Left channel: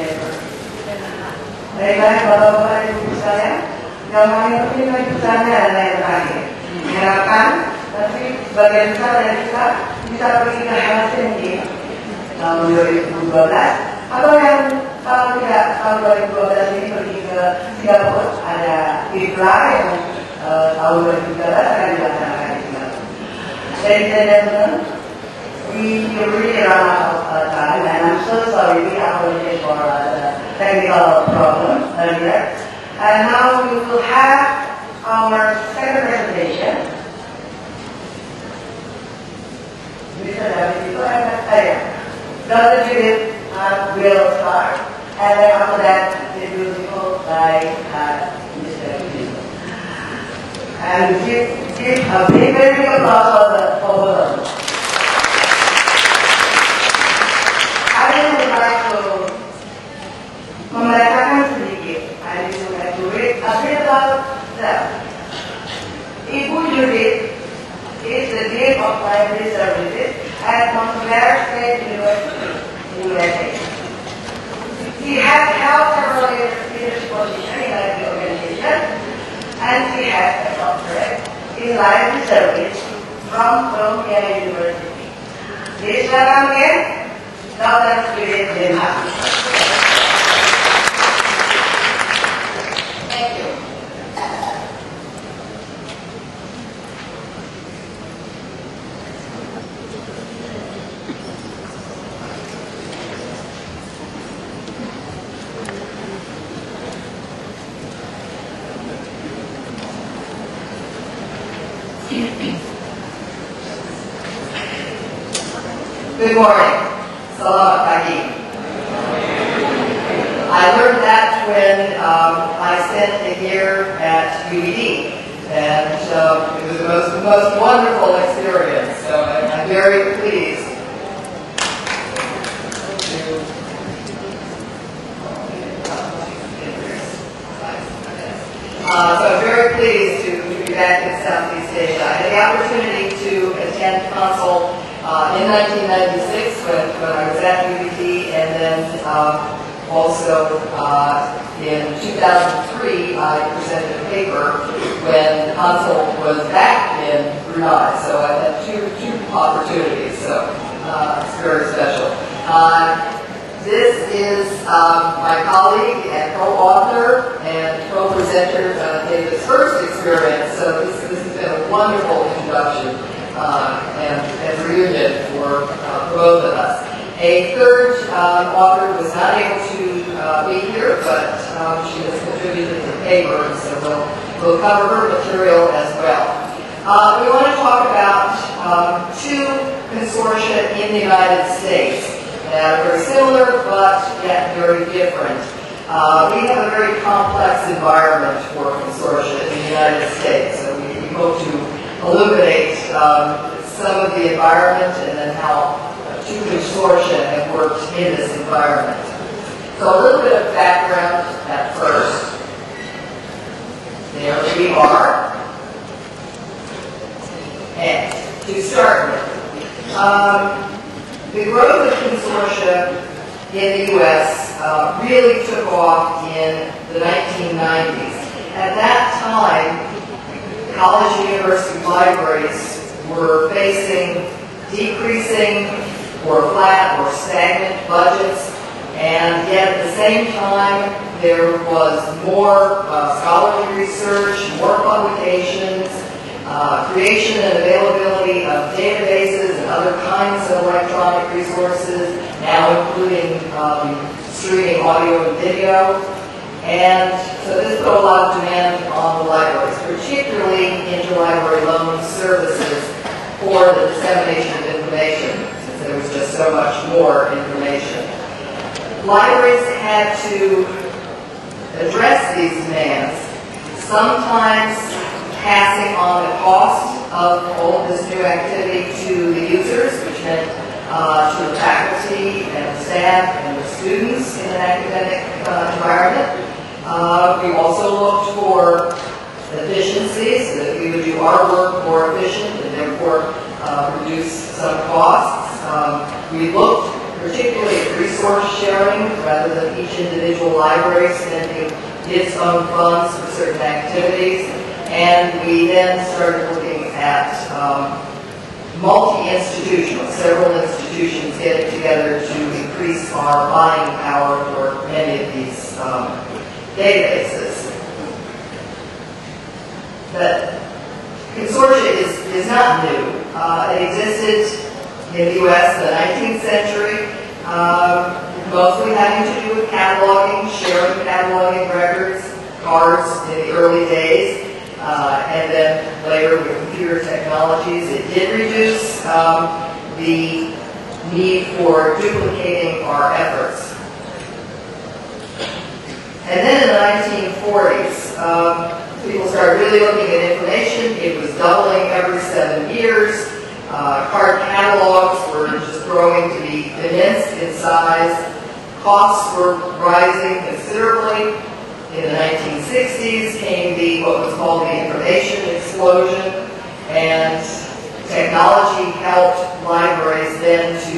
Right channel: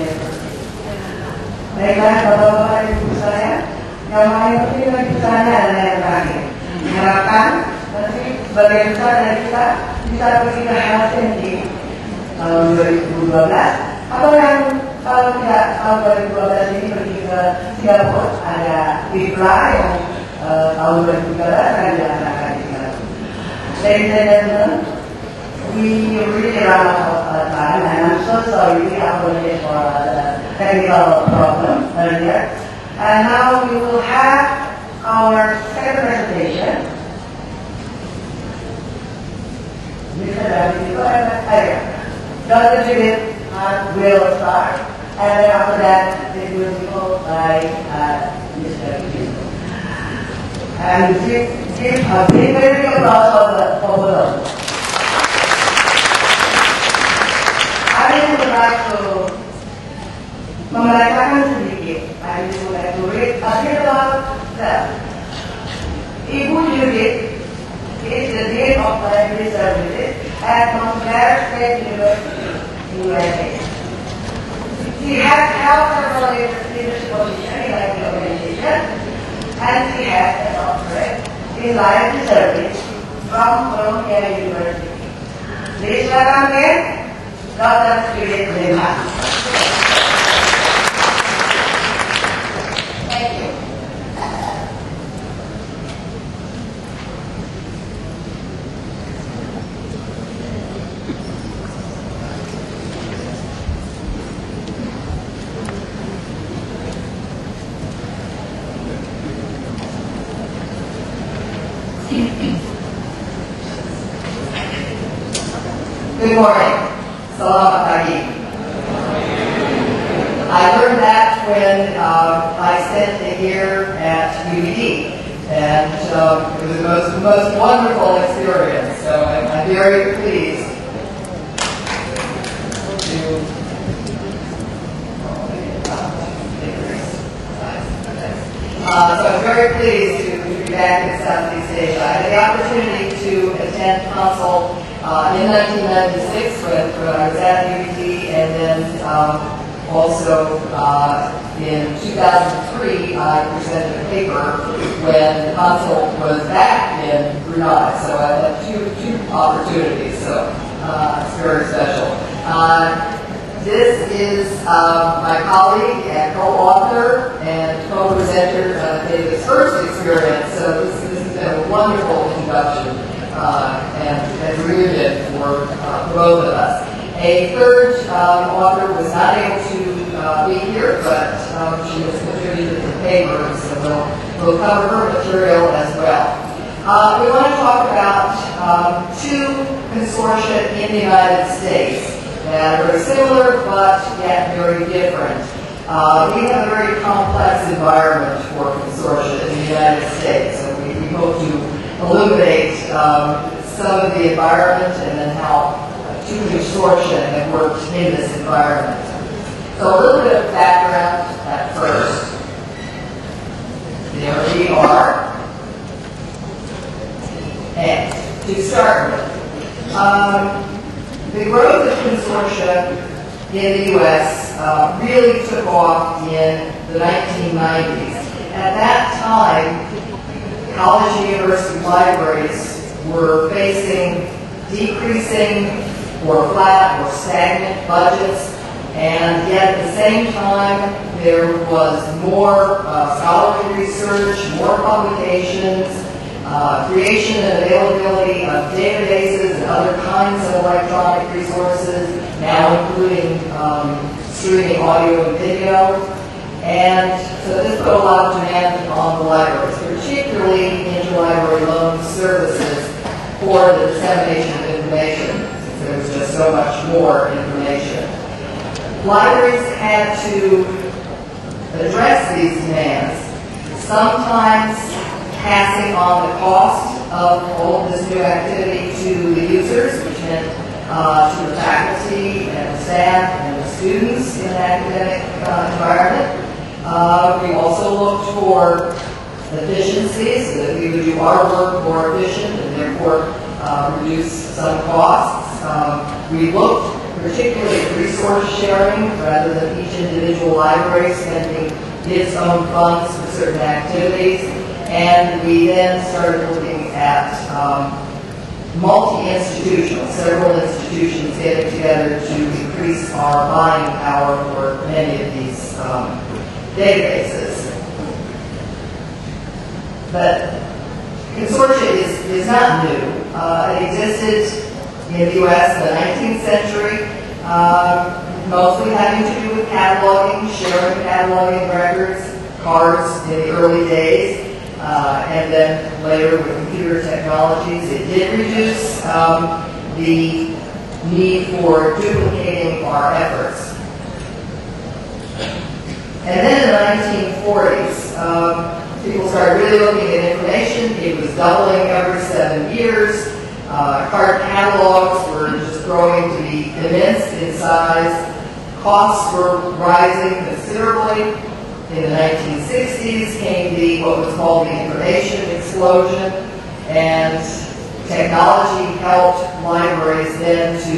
never. Baiklah, Bapak-Bapak dan Ibu saya, yang paling penting bagi saya adalah yang terakhir. Diharapkan nanti sebagian besar dari kita bisa pergi ke Helsinki tahun 2012, atau yang kalau tidak tahun 2012 ini pergi ke Singapura, ada IPLA yang tahun 2013 akan dilaksanakan di Singapura. Ladies and gentlemen, we really run out of time, and I'm so sorry we apologize for the technical problem earlier. And now we will have our second presentation. Mr. Dr. Judith will start, and then after that it will be followed by Mr. Judith. And give a big, very big applause for them. I would like to membacakan sedikit. I would like to read a bit about them. Ibu Judith is the Dean of Library Services at Montclair State University in USA. She has held several leadership positions in library organization, and she has a doctorate in library service from Columbia University. Please welcome again Dr. Judith Lin. Thank you. Good morning. Selamat pagi. I learned that when I spent a year at UED, and it was the most wonderful experience. So I'm very pleased to be back in Southeast Asia. I had the opportunity to attend CONSAL in 1996 when I was at UED, and then also in 2003 I presented a paper when CONSAL was back in Brunei. So I had two opportunities, so it's very special. This is my colleague and co-author and co-presenter David's first experience, so this has been a wonderful introduction and reunion for both of us. A third author was not able to be here, but she has contributed to the paper, so we'll cover her material as well. We want to talk about two consortia in the United States. Very similar, but yet very different. We have a very complex environment for consortia in the United States, so we hope to illuminate some of the environment and then how two consortia have worked in this environment. So a little bit of background at first. There we are. And to start with, the growth of consortia in the U.S. Really took off in the 1990s. At that time, college and university libraries were facing decreasing or flat or stagnant budgets, and yet at the same time there was more scholarly research, more publications, creation and availability of databases and other kinds of electronic resources, now including streaming audio and video. And so this put a lot of demand on the libraries, particularly interlibrary loan services for the dissemination of information. There was just so much more information. Libraries had to address these demands, sometimes passing on the cost of all this new activity to the users, which meant to the faculty and the staff and the students in an academic environment. We also looked for efficiencies, so that we would do our work more efficient and therefore reduce some costs. We looked particularly resource sharing, rather than each individual library spending its own funds for certain activities. And we then started looking at multi-institutional, several institutions getting together to increase our buying power for many of these databases. But consortia is not new. It existed in the U.S. in the 19th century, mostly having to do with cataloging, sharing cataloging records, cards in the early days, and then later with computer technologies. It did reduce the need for duplicating our efforts. And then in the 1940s, people started really looking at information. It was doubling every 7 years. Card catalogs were just growing to be immense in size. Costs were rising considerably. In the 1960s came what was called the information explosion, and technology helped libraries then to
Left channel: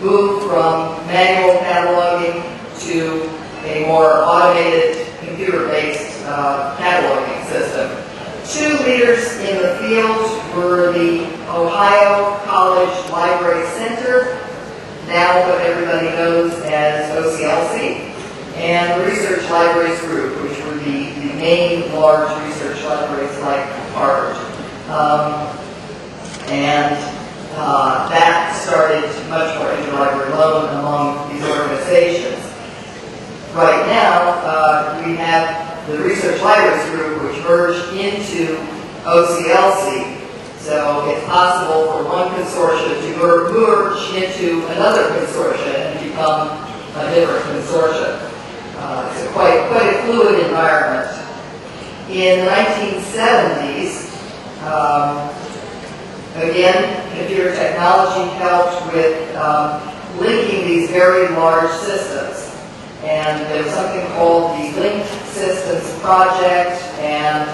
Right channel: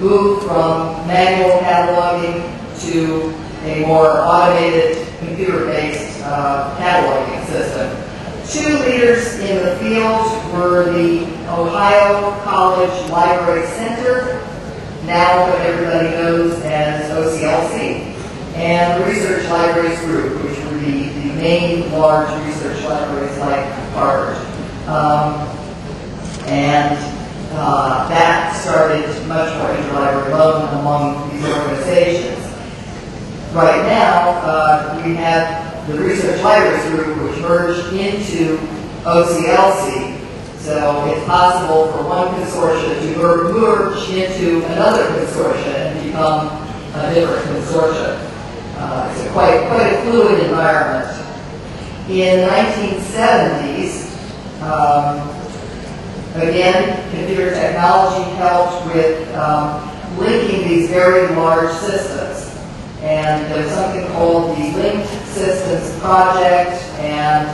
move from manual cataloging to a more automated, computer-based cataloging system. Two leaders in the field were the Ohio College Library Center, now what everybody knows as OCLC, and the Research Libraries Group, which were the main large research libraries like Harvard. That started much more interlibrary loan among these organizations. Right now, we have the Research Libraries Group, which merged into OCLC. So it's possible for one consortia to merge into another consortia and become a different consortia. It's quite a fluid environment. In the 1970s, again, computer technology helped with linking these very large systems. And there was something called the Linked Systems Project, and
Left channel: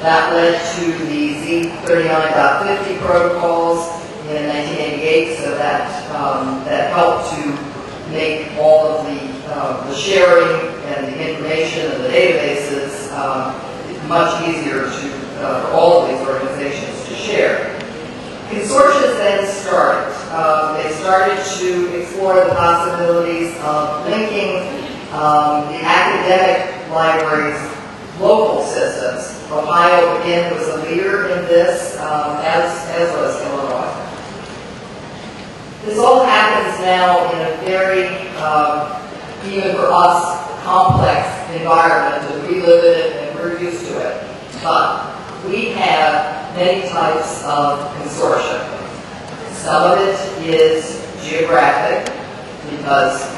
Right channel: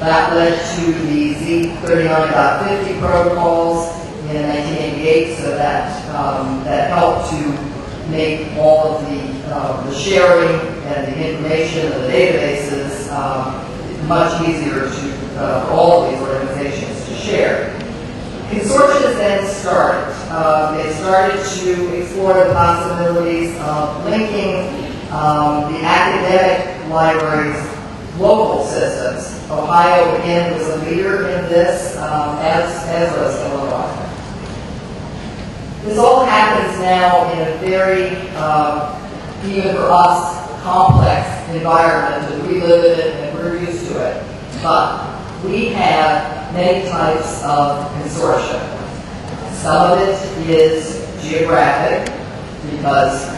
that led to the Z39.50 protocols in 1988, so that helped to make all of the sharing and the information of the databases much easier for all of these organizations to share. Consortia then started. They started to explore the possibilities of linking the academic libraries' local systems. Ohio, again, was a leader in this, as was Illinois. This all happens now in a very, even for us, complex environment that we live in and we're used to it. But we have many types of consortia. Some of it is geographic, because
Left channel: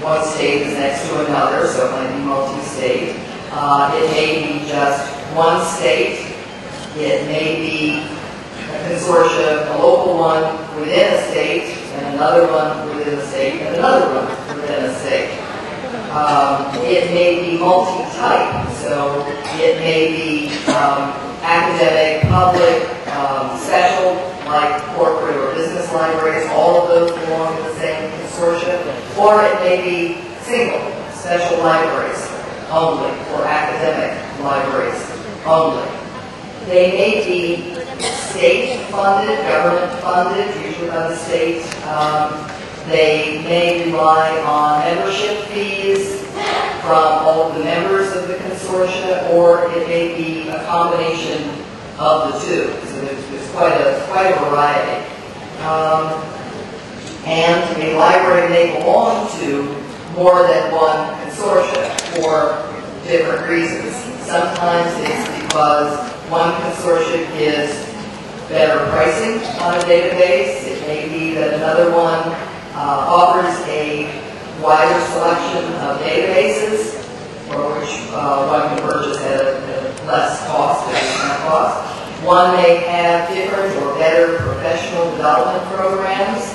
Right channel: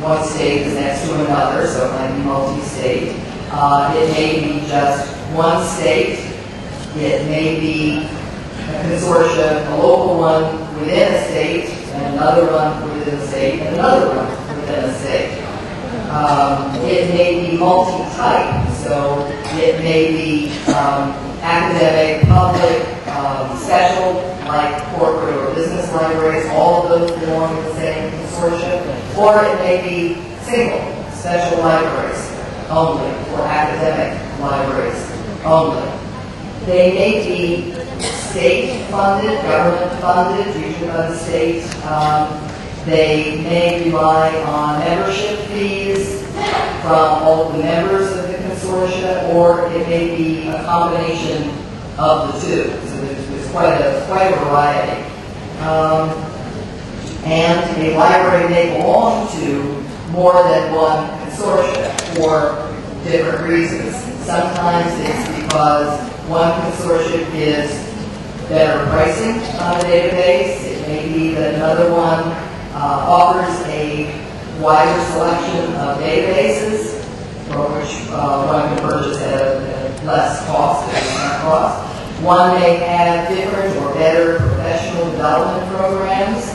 one state is next to another, so it might be multi-state. It may be just one state. It may be a consortia, a local one within a state, and another one within a state, and another one within a state. It may be multi-type, so it may be academic, public, special, like corporate or business libraries. All of those belong in the same consortia. Or it may be single, special libraries only, or academic libraries only. They may be state-funded, government-funded, usually by the state. They may rely on membership fees from all of the members of the consortia, or it may be a combination of the two. So there's quite a variety. And a library may belong to more than one consortia for different reasons. Sometimes it's because one consortia gives better pricing on a database. It may be that another one offers a wider selection of databases, for which one can purchase at a less cost, One may have different or better professional development programs,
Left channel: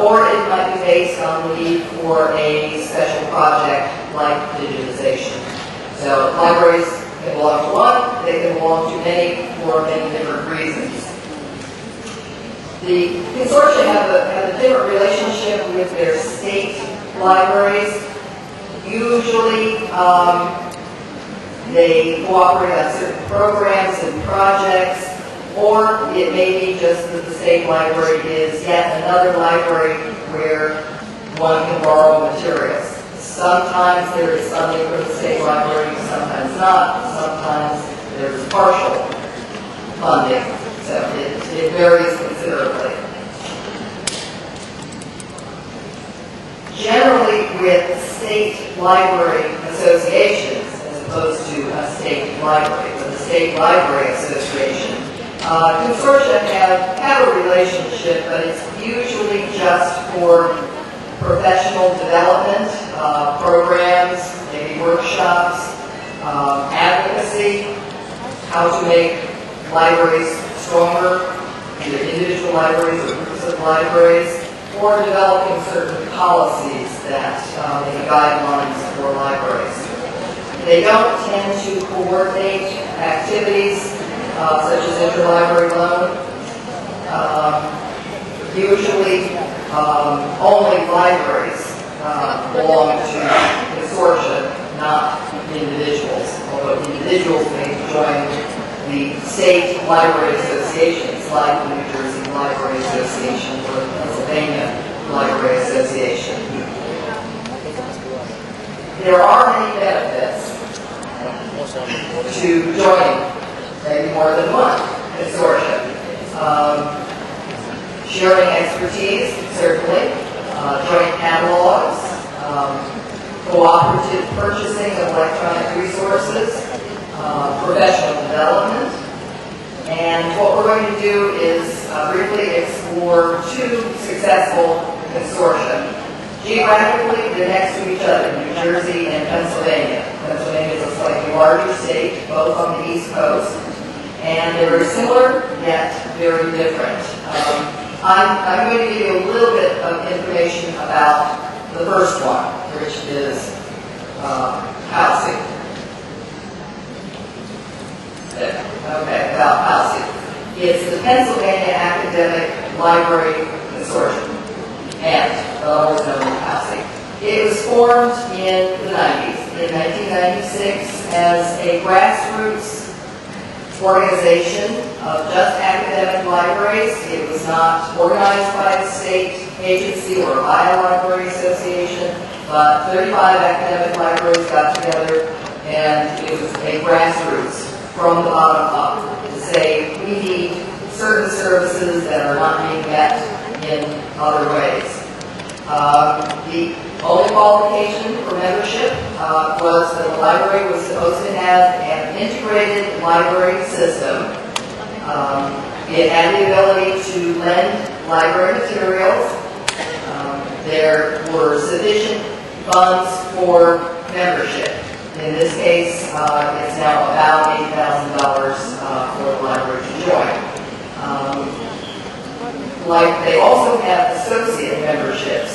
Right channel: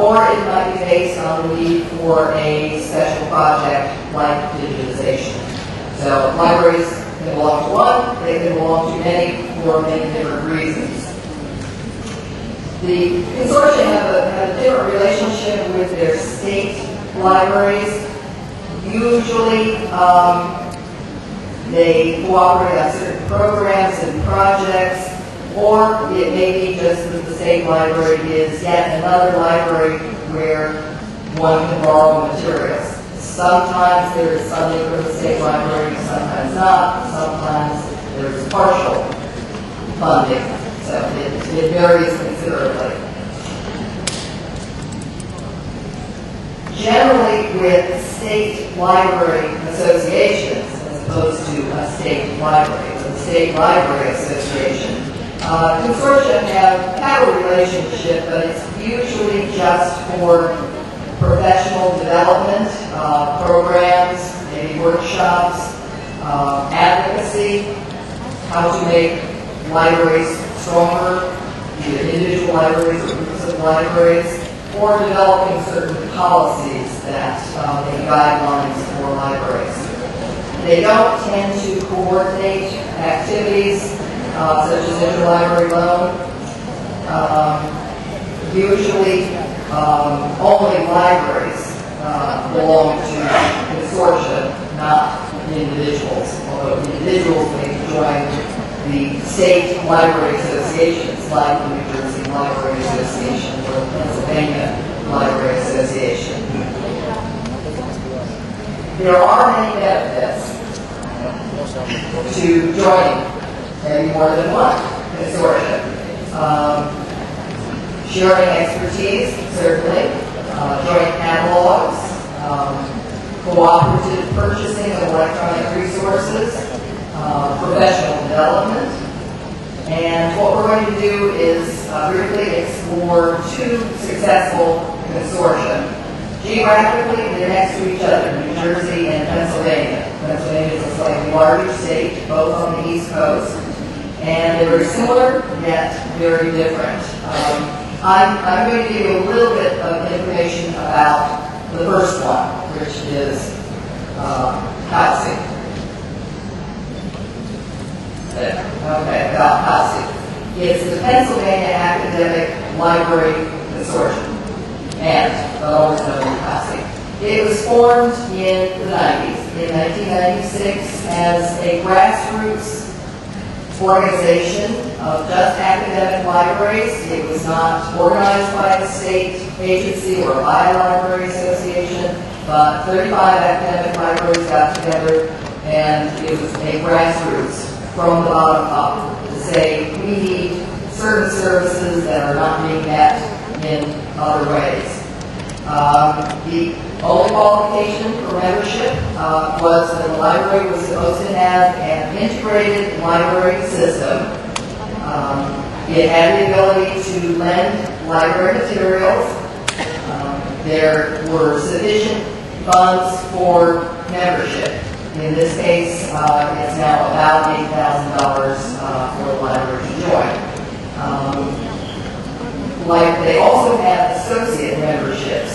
or it might be based on the need for a special project like digitization. So libraries can belong to one, they can belong to many for many different reasons. The consortia have a different relationship with their state libraries. Usually, they cooperate on certain programs and projects, or it may be just that the state library is yet another library where one can borrow materials. Sometimes there is funding from the state library, sometimes not. Sometimes there is partial funding, so it varies considerably. Generally, with state library associations, as opposed to a state library, but the State Library Association, consortia have a relationship, but it's usually just for professional development, programs, maybe workshops, advocacy, how to make libraries stronger, either individual libraries or groups of libraries, or developing certain policies that make guidelines for libraries. They don't tend to coordinate activities such as interlibrary loan. Usually, only libraries belong to consortia, not individuals, although individuals may join the state library associations like the New Jersey Library Association or the Pennsylvania Library Association. There are many benefits to joining maybe more than one consortium. Sharing expertise, certainly, joint catalogs, cooperative purchasing of electronic resources, professional development. And what we're going to do is briefly explore two successful consortia. Geographically, they're next to each other, New Jersey and Pennsylvania. Pennsylvania is a slightly larger state, both on the East Coast. And they're very similar, yet very different. I'm going to give you a little bit of information about the first one, which is housing. Okay, about housing. It's the Pennsylvania Academic Library Consortium, and also known as housing. It was formed in the 90s, in 1996, as a grassroots organization of just academic libraries. It was not organized by a state agency or by a library association, but 35 academic libraries got together, and it was a grassroots from the bottom up to say we need certain services that are not being met in other ways. The only qualification for membership was that the library was supposed to have an integrated library system. It had the ability to lend library materials. There were sufficient funds for membership. In this case, it's now about $8,000 for the library to join. They also have associate memberships,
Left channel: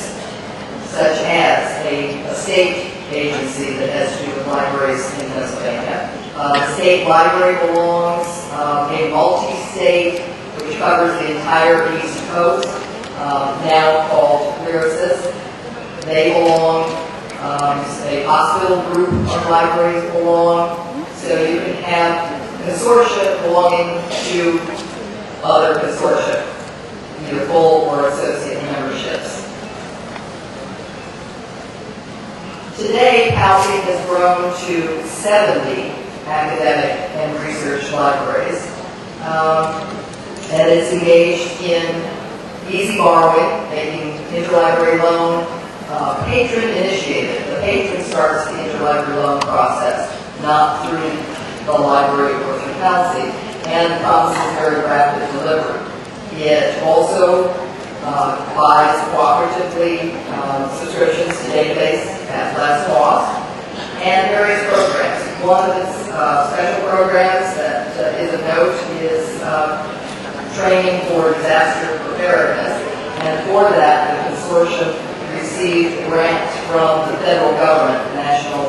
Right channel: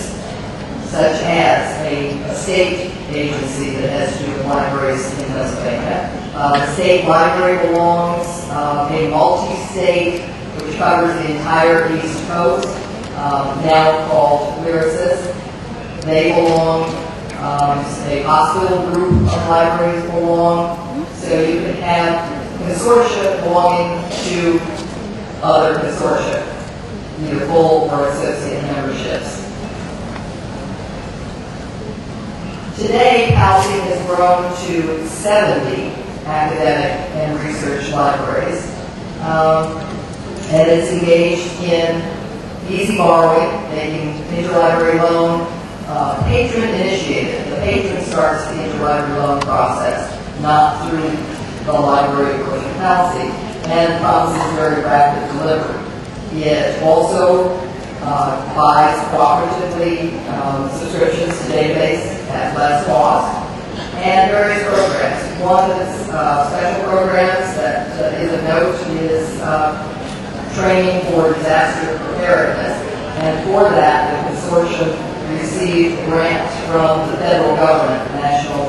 such as a state agency that has to do with libraries in Pennsylvania. The state library belongs a multi-state, which covers the entire East Coast, now called Lyrasis. They belong, a hospital group of libraries belong, so you can have consortia belonging to other consortia, either full or associate memberships. Today, housing has grown to 70 academic and research libraries, and it's engaged in easy borrowing, making interlibrary loan, patron-initiated. The patron starts the interlibrary loan process, not through the library or the council, and the process is very rapid delivery. It also buys cooperatively subscriptions to database at less cost, and various programs. One of the special programs that is of note is training for disaster preparedness, and for that, the consortium received grants from the federal government, the National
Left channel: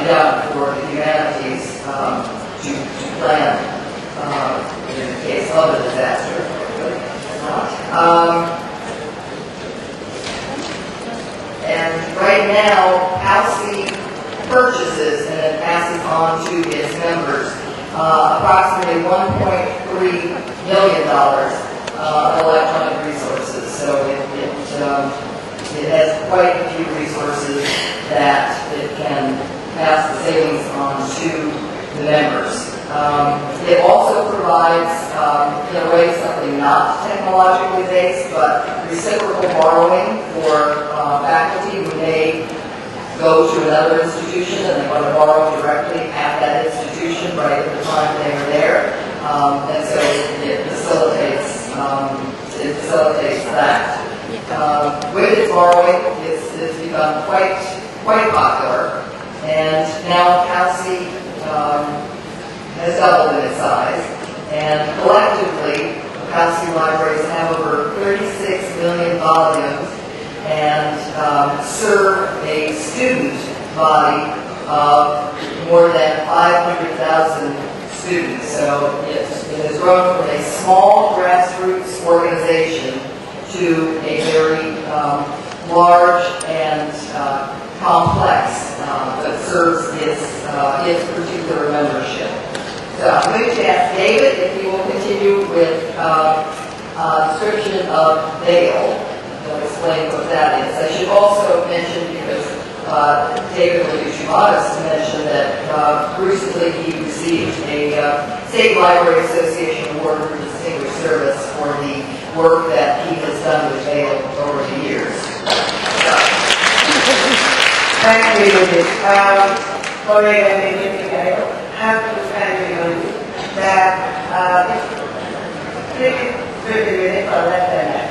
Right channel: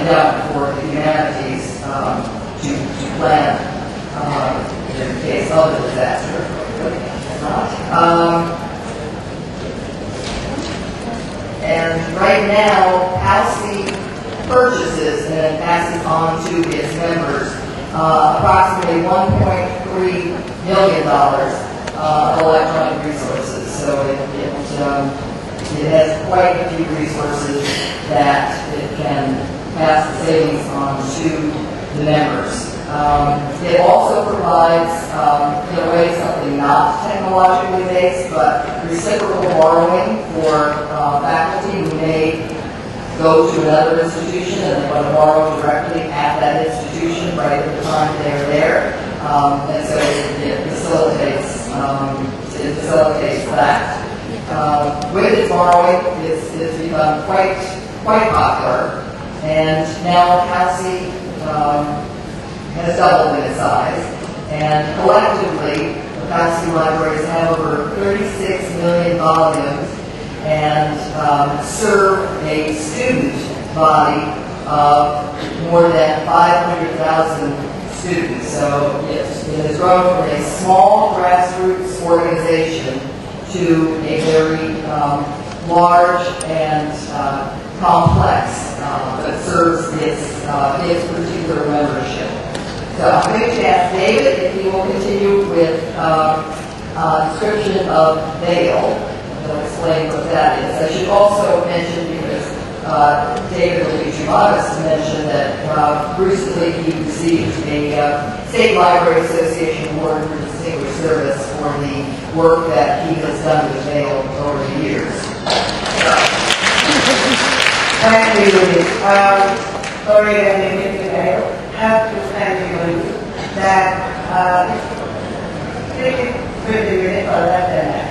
Endowment for the Humanities, to plan in the case of a disaster. right now, CONSAL purchases and then passes on to its members approximately $1.3 million of electronic resources. So it has quite a few resources that it can pass the savings on to the members. It also provides, in a way, something not technologically based, but reciprocal borrowing for faculty who may go to another institution and they want to borrow directly at that institution right at the time they're there. And so it facilitates that. With its borrowing, it's become quite popular, and now CONSAL has doubled in its size, and collectively, CONSAL libraries have over 36 million volumes and serve a student body of more than 500,000 students. So it has grown from a small grassroots organization to a very large and complex that serves its particular membership. So I'm going to ask David if he will continue with a description of Vail. He'll explain what that is. I should also mention, because David will be too modest to mention, that recently he received a State Library Association Award for Distinguished Service for the work that he has done with Vail over the years. Thank you, Judith. Sorry, I have to thank you that it's 50 minutes or less than that.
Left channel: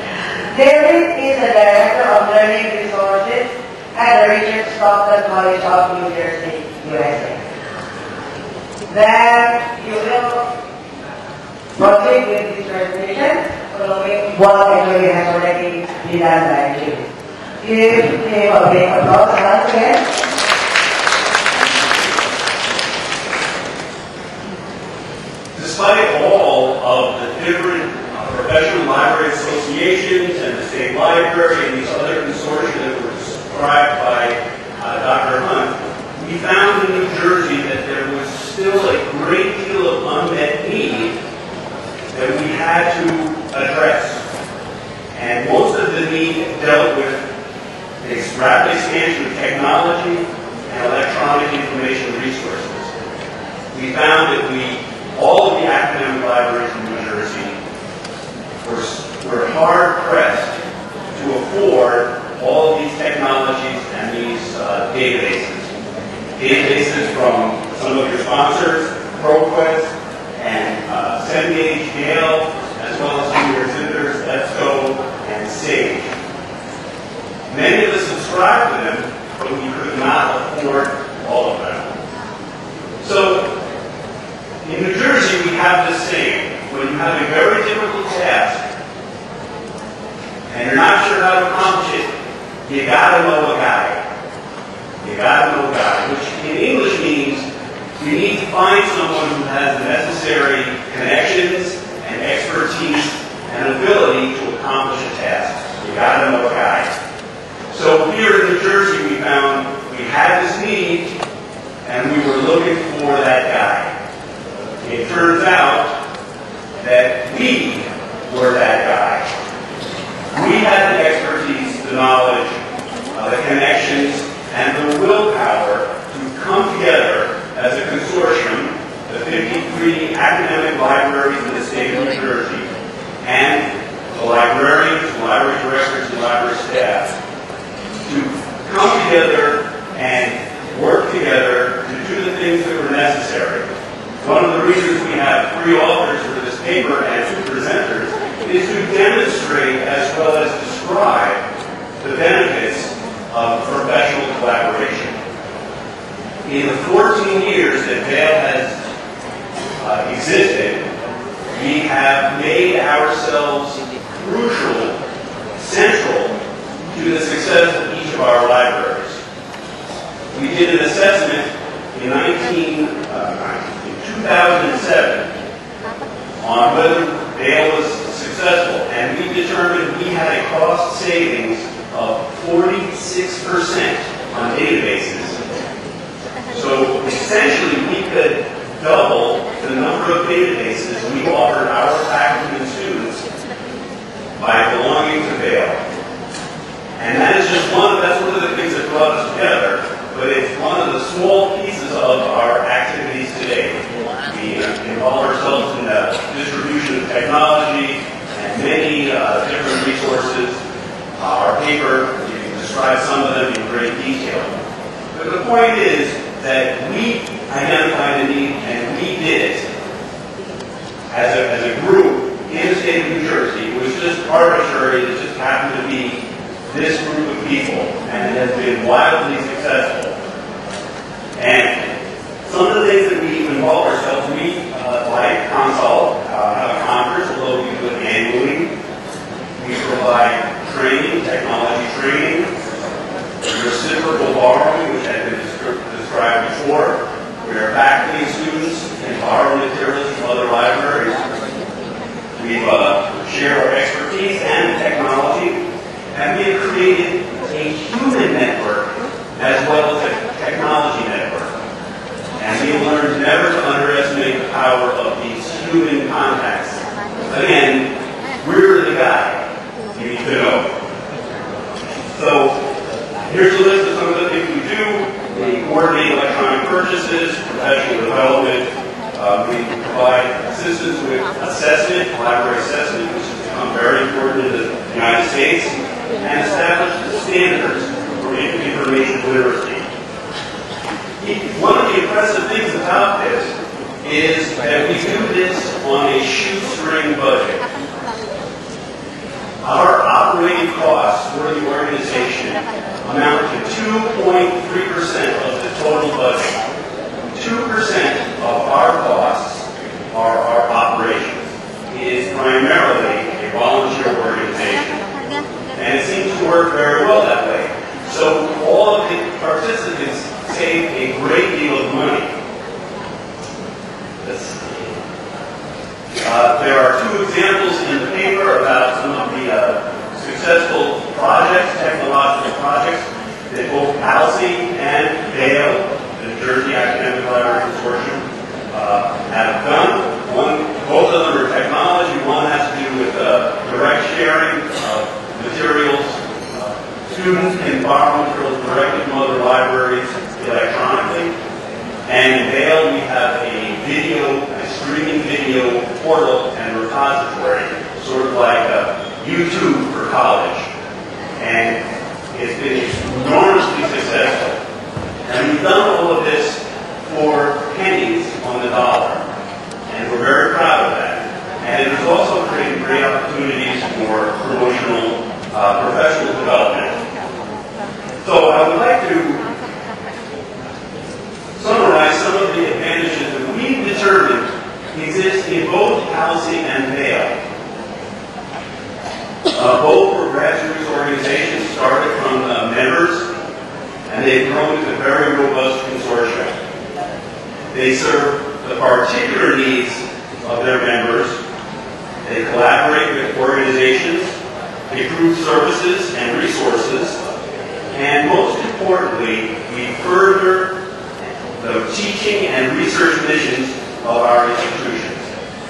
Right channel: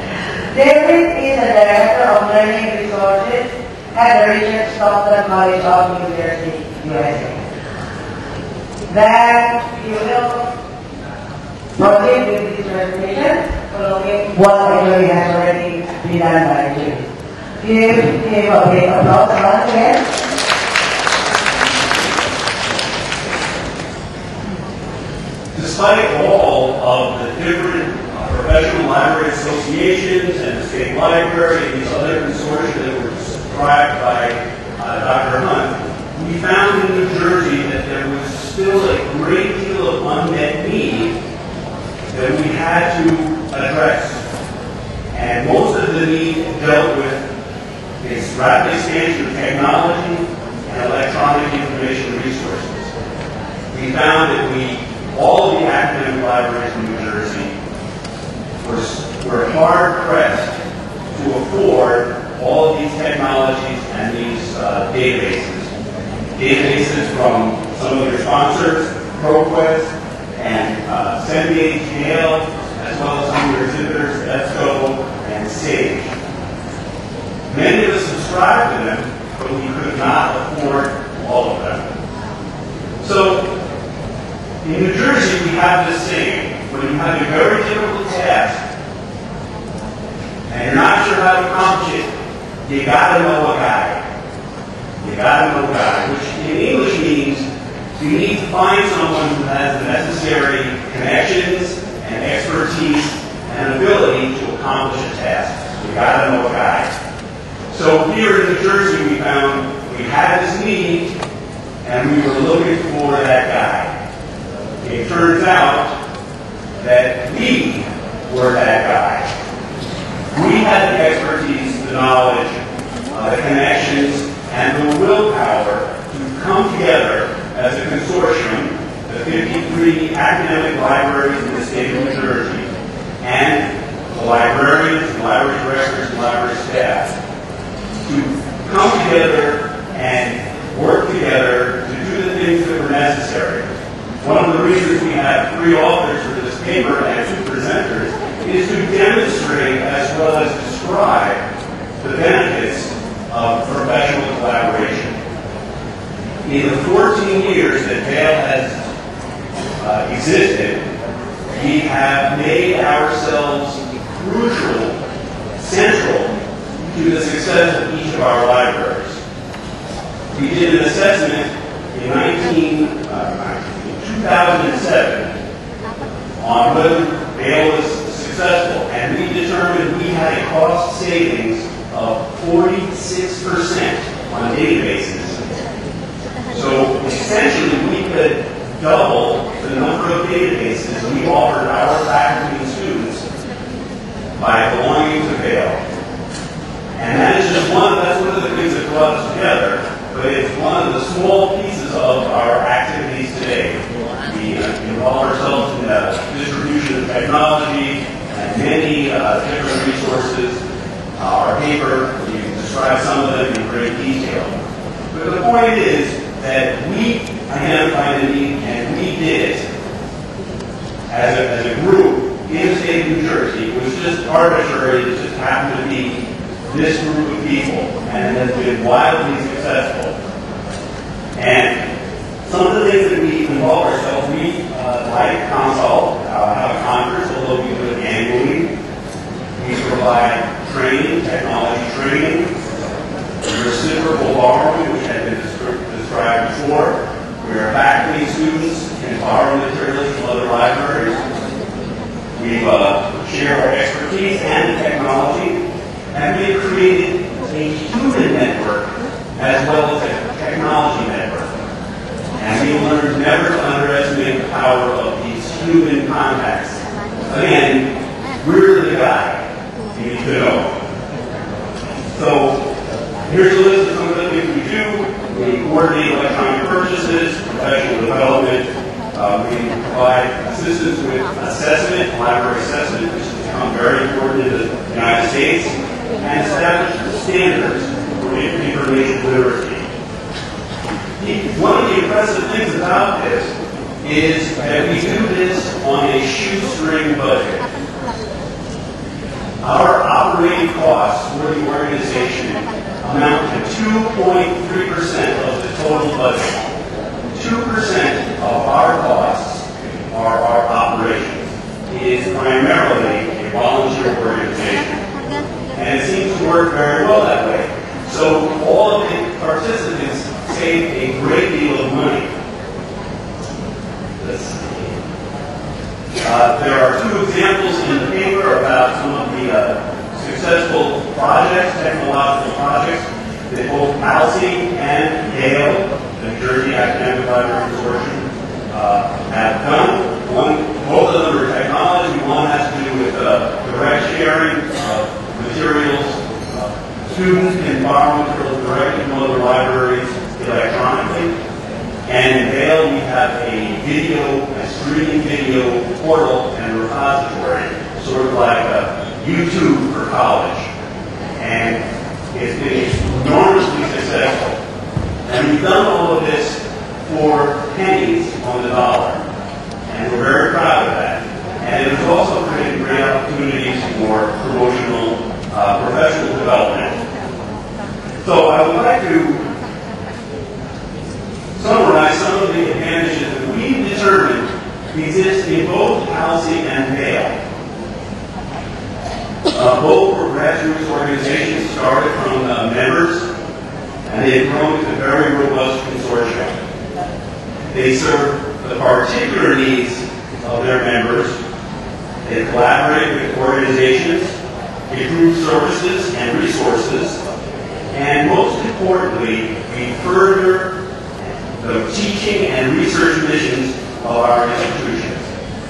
David is the Director of Learning Resources at the Richard Stockton College of New Jersey, USA. That you will proceed with this presentation following what actually has already been done by you. Give him a big applause once again. Despite all of the different professional library associations and the state library and these other consortia that were described by Dr. Hunt, we found in New Jersey that there was still a great deal of unmet need that we had to address. And most of the need dealt with this rapid expansion of technology and electronic information resources. We found that all of the academic libraries in New Jersey were hard-pressed to afford all of these technologies and these databases. Databases from some of your sponsors, ProQuest and Cengage, Gale, as well as some of your exhibitors, EBSCO and Sage. Many of us subscribed to them, but we could not afford all of them. So, in New Jersey, we have this saying: when you have a very difficult task and you're not sure how to accomplish it, you gotta know a guy. You gotta know a guy, which in English means you need to find someone who has the necessary connections and expertise and ability to accomplish a task. You gotta know a guy. So here in New Jersey, we found we had this need and we were looking for that guy. It turns out that we were that guy. We had the expertise, the knowledge, the connections, and the willpower to come together as a consortium, the 53 academic libraries in the state of New Jersey, and the librarians, the library directors, and library staff, to come together and work together to do the things that were necessary. One of the reasons we have 3 authors for this paper and 2 presenters is to demonstrate as well as describe the benefits of professional collaboration. In the 14 years that Vail has existed, we have made ourselves crucial, central to the success of each of our libraries. We did an assessment in 2007 on whether Vail was successful, and we determined we had a cost savings of 46% on databases. So essentially, we could double the number of databases we offered our faculty and students by belonging to Vail. And that is just that's one of the things that brought us together, but it's one of the small pieces of our activities today. We involve ourselves in the distribution of technology and many different resources. Our paper, you can describe some of them in great detail. But the point is that we identified a need and we did it as a group in the state of New Jersey. It was just arbitrary, it just happened to be this group of people, and it has been wildly successful. And some of the things that we involve ourselves, we, like CONSAL, have a conference, although we do it annually. We provide training, technology training, reciprocal borrowing, which had been described before, where faculty and students can borrow materials from other libraries. We share our expertise and technology, and we have created a human network as well as a technology network. And we learned never to underestimate the power of these human contacts. Again, we're the guy you need to know. So here's a list of some of the things we do. We coordinate electronic purchases, professional development. We provide assistance with assessment, library assessment, which has become very important in the United States, and establish standards for information literacy. One of the impressive things about this is that we do this on a shoestring budget. Our operating costs for the organization amount to 2.3% of the total budget. 2% of our costs are our operations. It is primarily a volunteer organization, and it seems to work very well that way. So all of the participants save a great deal of money. There are two examples in the paper about some of the successful projects, technological projects, that both ALSI and Vail, the New Jersey Academic Library Consortium, have done. Both of them are technology. One has to do with direct sharing of materials. Students can borrow materials directly from other libraries electronically. And in Vail, we have a streaming video portal and repository, sort of like YouTube for college. And it's been enormously successful. And we've done all of this for pennies on the dollar. And we're very proud of that. And it has also created great opportunities for promotional, professional development. So I would like to summarize some of the advantages that we've determined exist in both ALSI and Vail. Both were grassroots organizations started from members, and they've grown to very robust consortia. They serve the particular needs of their members. They collaborate with organizations, improve services and resources, and most importantly, we further the teaching and research missions of our institutions.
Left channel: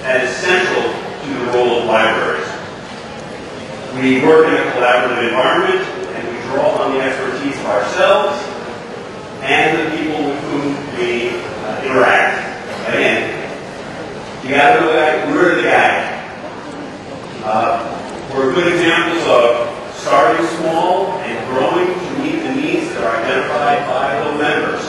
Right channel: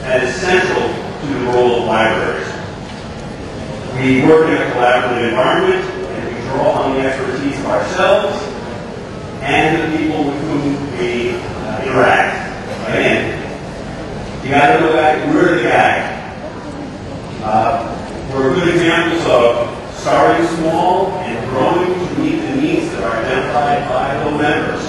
That is central to the role of libraries. We work in a collaborative environment, and we draw on the expertise of ourselves and the people with whom we interact. Again, you got to know that we're the guy. We're good examples of starting small and growing to meet the needs that are identified by the members.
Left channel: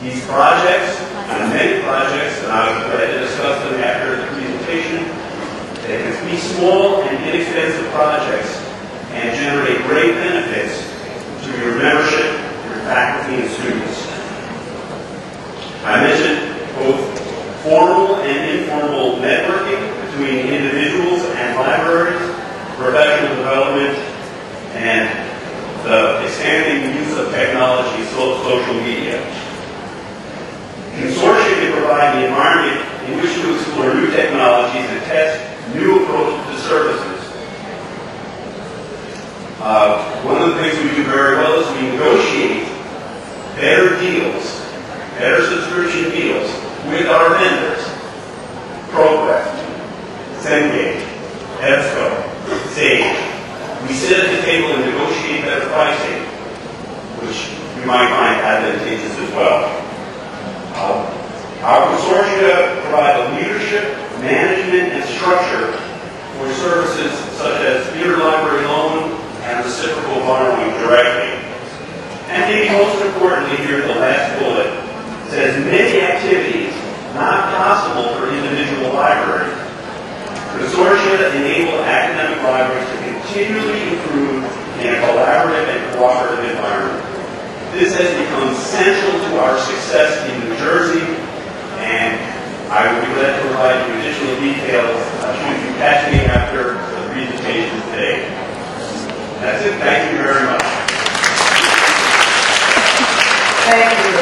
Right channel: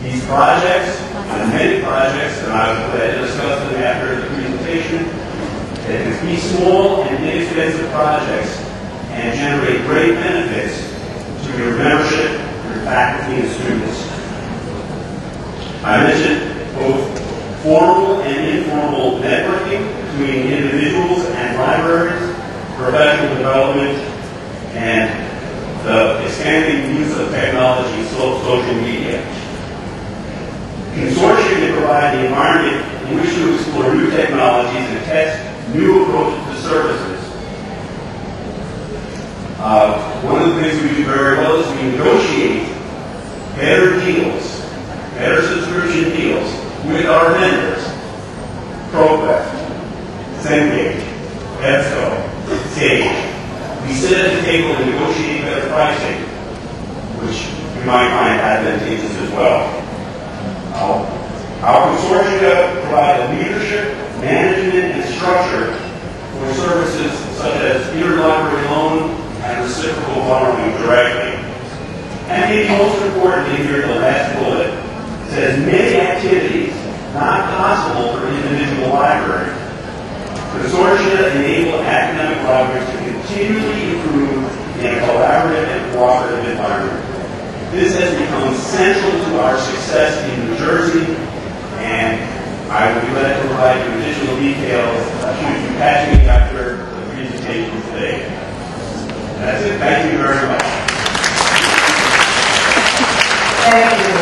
These projects, and many projects, and I will discuss them after the presentation, they can be small and inexpensive projects and generate great benefits to your membership, your faculty, and students. I mentioned both formal and informal networking between individuals and libraries, professional development, and the expanding use of technology, social media. Consortia can provide the environment in which to explore new technologies and test new approaches to services. One of the things we do very well is we negotiate better deals, better subscription deals with our vendors. ProQuest, Cengage, EBSCO, Sage. We sit at the table and negotiate better pricing, which you might find advantageous as well. Our consortia provide a leadership, management, and structure for services such as interlibrary loan and reciprocal borrowing directly. And maybe most importantly here, the last bullet says many activities not possible for individual libraries. Consortia enable academic libraries to continually improve in a collaborative and cooperative environment. This has become central to our success in New Jersey, and I will be glad to provide you additional details should you catch me after the presentation today. That's it. Thank you very much. Thank you.